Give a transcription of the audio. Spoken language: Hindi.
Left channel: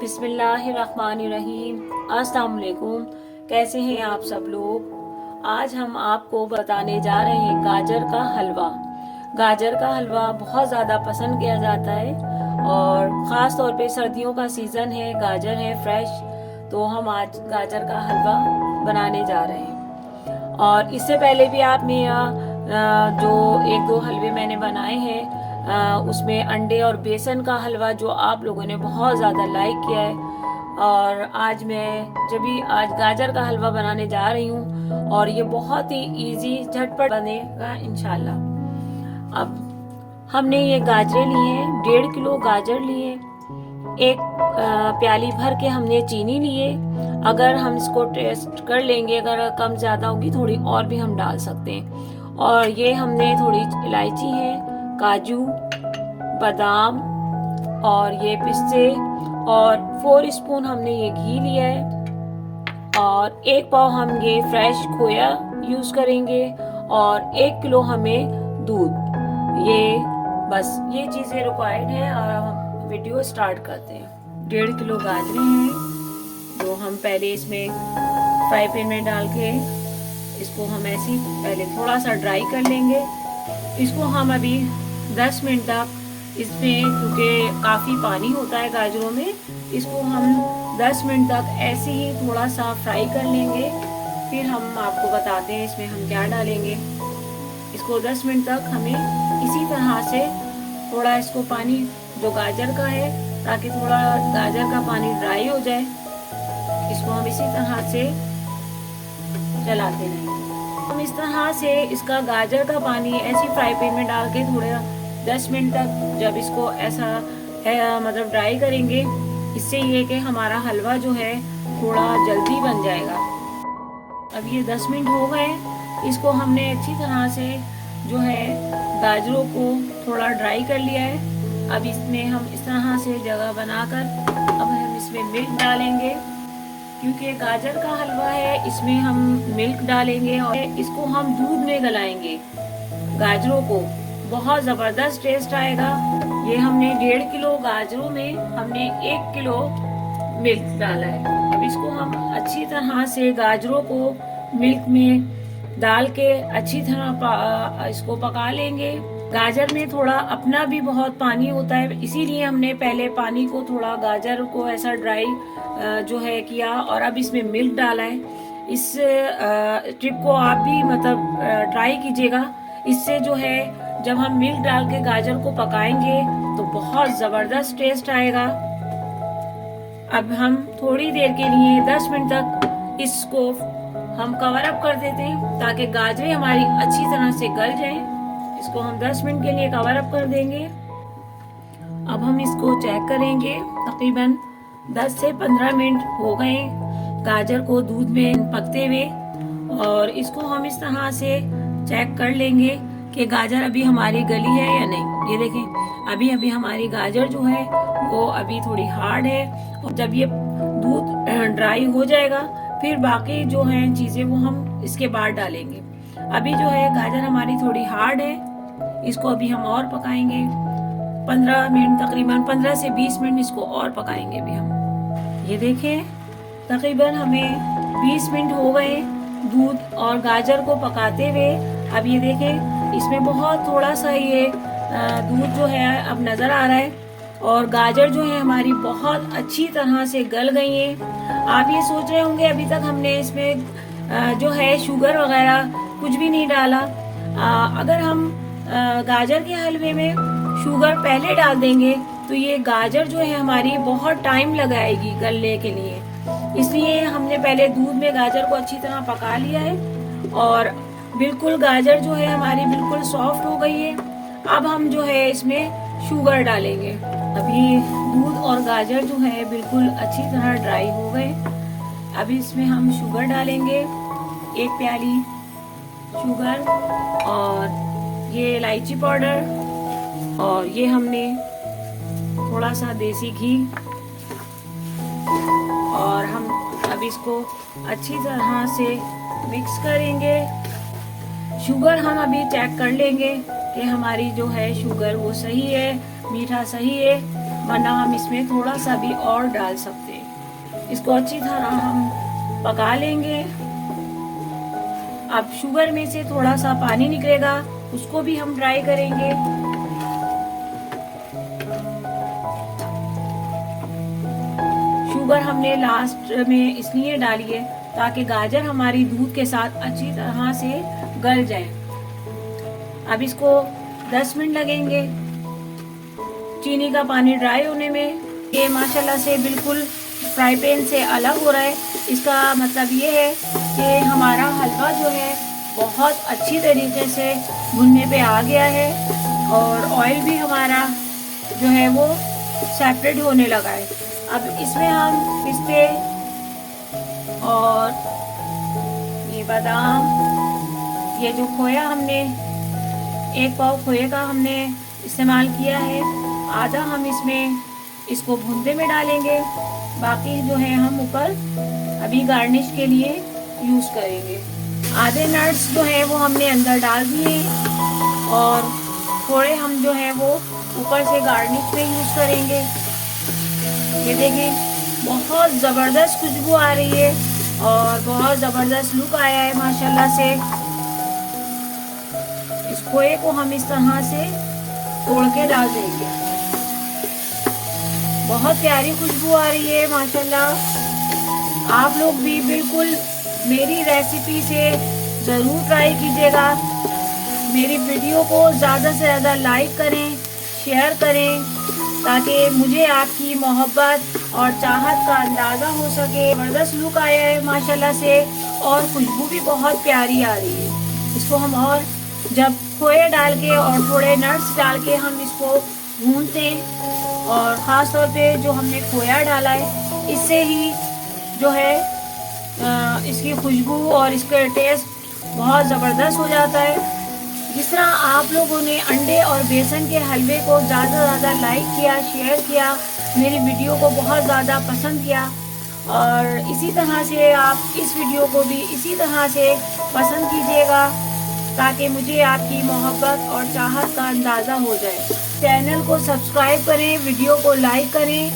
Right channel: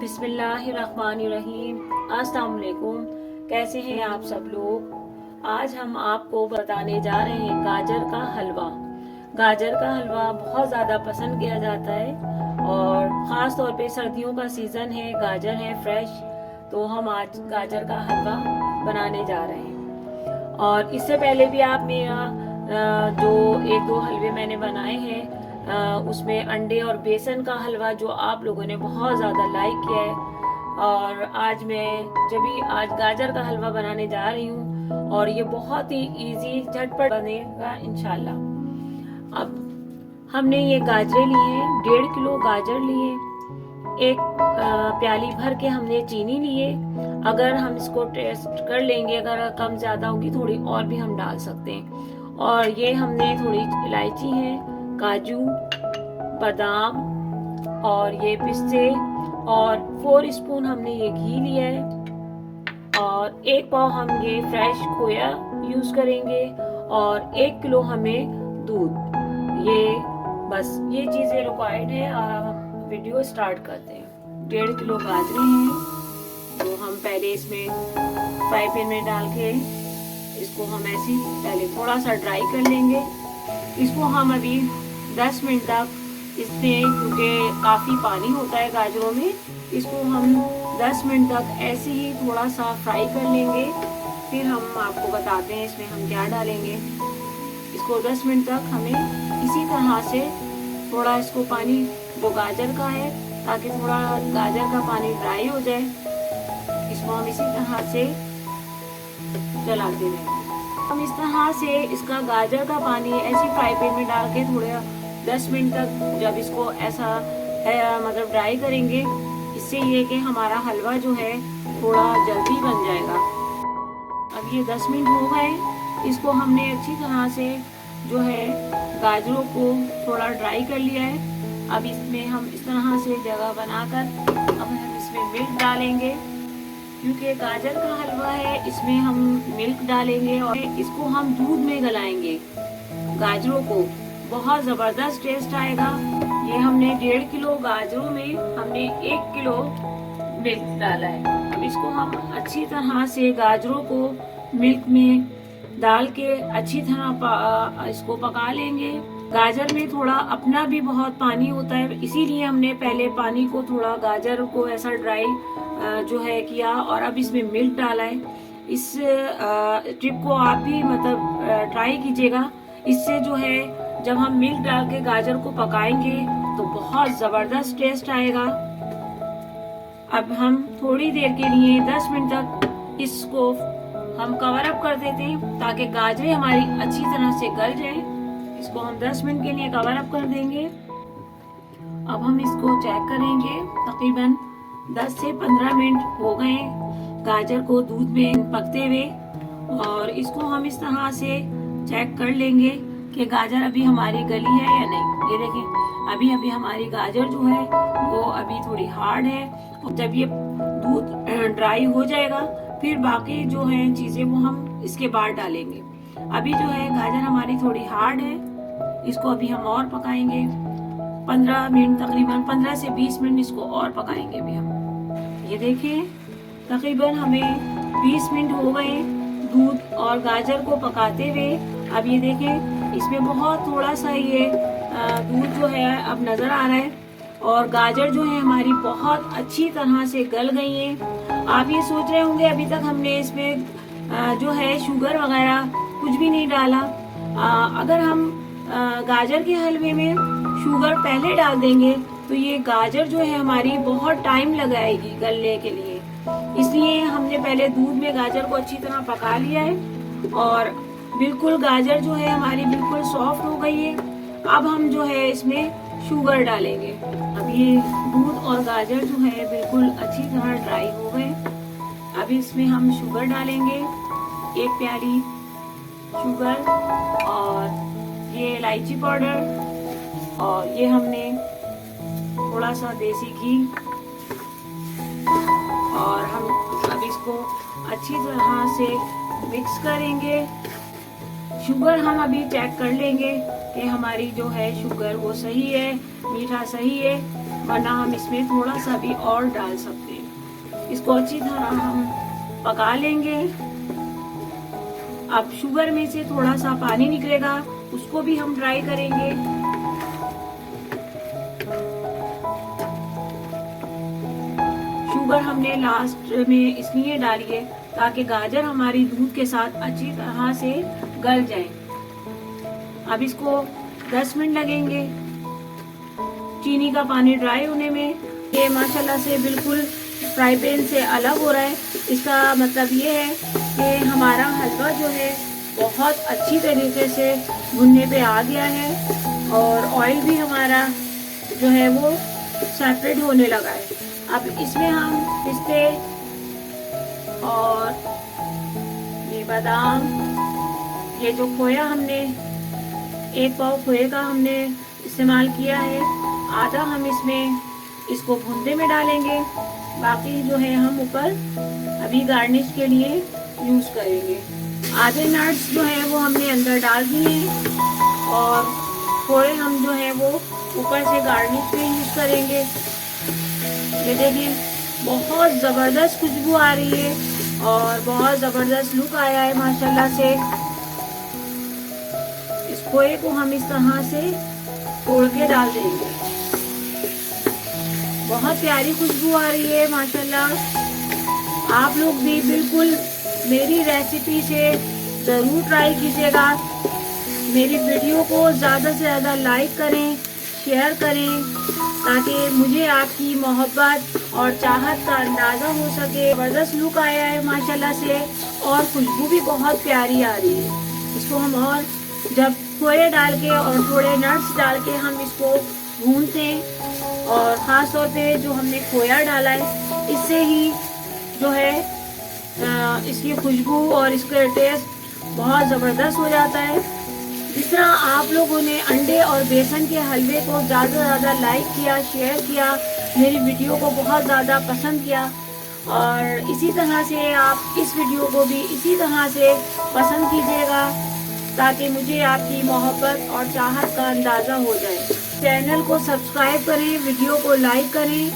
बिस्मिल्लाहिर्रहमानिर्रहीम। अस्सलाम वालेकुम। कैसे हैं आप सब लोग। आज हम आपको बताने जा रहे हैं गाजर का हलवा। गाजर का हलवा बहुत ज़्यादा पसंद किया जाता है और ख़ास तौर पे सर्दियों का सीज़न है, गाजर है फ्रेश, तो हम आज गाजर का हलवा बनाने जा रहे हैं। और इससे पहले भी आपने जो एक दो हलवे मैंने बनाए हैं, उसमें अंडे और बेसन का हलवा जो आप लोगों ने बहुत ज़्यादा लाइक किया है, और आज गाजर का हलवा बनाने जा रही हूँ और ये बहुत ही इजी झटपट बनेगा इंशाल्लाह। अब हमने ये गाजरें लिए हैं, 1.5 किलो गाजर लिए, एक प्याली भर के हमने चीनी लिए। अगर हम इसको टेस्ट कर लेंगे, अगर कम ज़्यादा होगी थोड़ी और भी हम डाल सकते हैं। और ये हमने थोड़ी इलायची है, काजू, बादाम और ये पिस्ते, और 4 स्पून हमने ये घी लिया है, और 1 पाव हम ये फ्रेश खोया यूज़ करेंगे, और 1 किलो हमें दूध। ये चीज़ें रिक्वायर्ड है। और हम वीडियो स्टार्ट करते हैं। 1.5 किलो गाजरें हैं जो हम पहले इसमें फ्राई पैन में डाल के इसको हम ऐसे ही पहले थोड़ा सा ड्राई कर लेंगे। इसको हम अभी 10 मिनट तक इसमें, क्योंकि काफ़ी पानी होता है गाजरों में, इसको हम 10 मिनट तक ऐसे ही थोड़ा सा फ्राई कर लेंगे। फिर हम आपको बताते हैं इसमें हम क्या डालेंगे। इसको 10 मिनट तक हमें इसी तरह से थोड़ा इसको पानी जो गाजर का है, ताकि थोड़ा गाजर का पानी ड्राई हो जाए, इसको हम इसी तरह से चलाते रहेंगे। हम इस तरह से इसका गाजर का पानी ऐसी फ्राई पैन में डाल के थोड़े 10 मिनट तक जब इसको ऐसा मतलब ड्राई करेंगे, इससे ये कि हमारा हलवा जो है थोड़ा जल्दी बन जाएगा। अब ये 10 मिनट हो गए, इसको हमने अच्छी तरह से जो है गाजरों को थोड़ा ड्राई कर लिया है। अब इसमें हम इस तरह से जगह बनाकर अब हम इसमें मिल्क डालेंगे, क्योंकि गाजर का हलवा है, इसमें हम मिल्क डालेंगे और इसको हम दूध में गलाएंगे। गाजरों को बहुत ज़बरदस्त टेस्ट आएगा। ये हमने 1.5 किलो गाजरों में हमने 1 किलो मिल्क डाला है। अब इसको हम अच्छी तरह से गाजरों को मिल्क में डाल के अच्छी तरह इसको पका लेंगे। गाजर में थोड़ा अपना भी बहुत पानी होता है, इसीलिए हमने पहले पानी को थोड़ा गाजर को ऐसा ड्राई जो है किया, और अब इसमें मिल्क डाला है। इस टिप को आप भी मतलब ट्राई कीजिएगा। इससे जो है जब हम मिल्क डाल के गाजर को पकाएंगे तो बहुत ज़बरदस्त टेस्ट आएगा। अब हम थोड़ी देर के लिए 10 मिनट तक इसको हम कवर अप कर देते हैं, ताकि गाजरें हमारी अच्छी तरह से गल जाएं। इसको हम 10 मिनट के लिए कवर अप कर देंगे। अब हम इसको चेक करेंगे। तकरीबन 10 से 15 मिनट हो गए गाजर को दूध में पकते हुए, और इसको हम इस तरह से चेक कर लेंगे कि गाजर अभी हमारी गली है या नहीं। ये देखें, अभी अभी हमारी गाजर जो है वो अभी थोड़ी हार्ड है, और जब ये दूध ड्राई हो जाएगा फिर बाकी जो है चीज़ें वो हम इसके बाद डालेंगे। अभी जो है गाजर हमारी थोड़ी हार्ड है, इसको अभी हम और पकाएंगे 15 मिनट, तकरीबन 15 से 20 मिनट इसको और पकाएंगे अभी हम। ये देखिए, तकरीबन हमें 20 मिनट हो गए दूध और गाजर को पकाते हुए। अब ये देखें, इसमें बहुत थोड़ा सा ये दूध जो है अब नज़र आ रहा है, और गाजर जो है हमारी बहुत अच्छी तरह से गल गई है। आप ये सोच रहे होंगे अभी तक हमने इसमें जो है शुगर वगैरह कुछ भी नहीं डाला। अगर हम गाजर के हलवे में शुगर पहले डाल देंगे तो ये गाजर जो है हमारी बहुत टाइम लगाएगी गलने के लिए, इसलिए हमने पहले दूध में गाजर को अच्छी तरह पका लिया है, और बिल्कुल गाजर जो है हमारी बिल्कुल सॉफ्ट हो गई है। अब हम जो है इसमें शुगर डालेंगे। अभी दूध और गाजर जो है बिल्कुल अच्छी तरह ड्राई हो गए। अभी इसमें हम शुगर डालेंगे, 1 प्याली शुगर, और ये इलायची पाउडर, और ये हमने थोड़ा सा देसी घी, और हम अब इसको अच्छी तरह से मिक्स करेंगे। शुगर हम अभी चेक कर लेंगे कि हमारी जो है शुगर वो सही है, मीठा सही है वरना हम इसमें थोड़ा सा भी और डाल सकते हैं। इसको अच्छी तरह हम पका लेंगे। अब शुगर में से थोड़ा सा पानी निकलेगा, उसको भी हम ड्राई करेंगे। शुगर हमने लास्ट में इसलिए डाली है ताकि गाजर हमारी दूध के साथ अच्छी तरह से गल जाए। अब इसको 10 मिनट लगेंगे चीनी का पानी ड्राई होने में। ये माशाल्लाह से बिल्कुल फ्राई पैन से अलग हो रहा है। इसका मतलब ये है कि हमारा हलवा जो है बहुत अच्छी तरीके से भुनने पे आ गया है और ऑयल भी हमारा जो है वो सेपरेट होने लगा है। अब इसमें हम पिस्ते और ये बादाम, ये जो खोया हमने 1 पाव खोए का हमने इस्तेमाल किया है, आधा हम इसमें इसको भूनने में डालेंगे, बाकी जो है हम ऊपर अभी गार्निश के लिए यूज करेंगे। आधे नट्स जो है वो हमने अंदर डाल दिए और थोड़े हम जो है वो ऊपर से गार्निश पे यूज करेंगे। ये देखिए बहुत जबरदस्त खुशबू आ रही है और बहुत जबरदस्त लुक आया है माशाल्लाह से। इस खोए को हम इस तरह से तोड़ के डाल देंगे। बहुत प्यारी खुशबू आ रही है माशाल्लाह। आप लोग भी बिल्कुल मेरी रेसिपी से जरूर ट्राई कीजिएगा। मेरी वीडियो को ज्यादा से ज्यादा लाइक करें, शेयर करें ताकि मुझे आपकी मोहब्बत और चाहत का अंदाजा हो सके। जबरदस्त लुक आया है माशाल्लाह से और खुशबू भी बहुत प्यारी आ रही है। इसको हम और जब खोए डाल के और थोड़े नट्स डाल के हम इसको भूनते हैं और खास तौर पे जो हमने खोया डाला है इससे ही जो है इसकी खुशबू और इसका टेस्ट बहुत ज़बरदस्त हो जाता है। जिस तरह आप लोगों ने अंडे और बेसन के हलवे को ज़्यादा से ज़्यादा लाइक किया, शेयर किया, मेरी वीडियो को बहुत ज़्यादा पसंद किया और इसी तरह से आप इस वीडियो को भी इसी तरह से पसंद कीजिएगा ताकि मुझे आपकी मोहब्बत और चाहत का अंदाज़ा हो जाए। चैनल को सब्सक्राइब करें, वीडियो को लाइक करें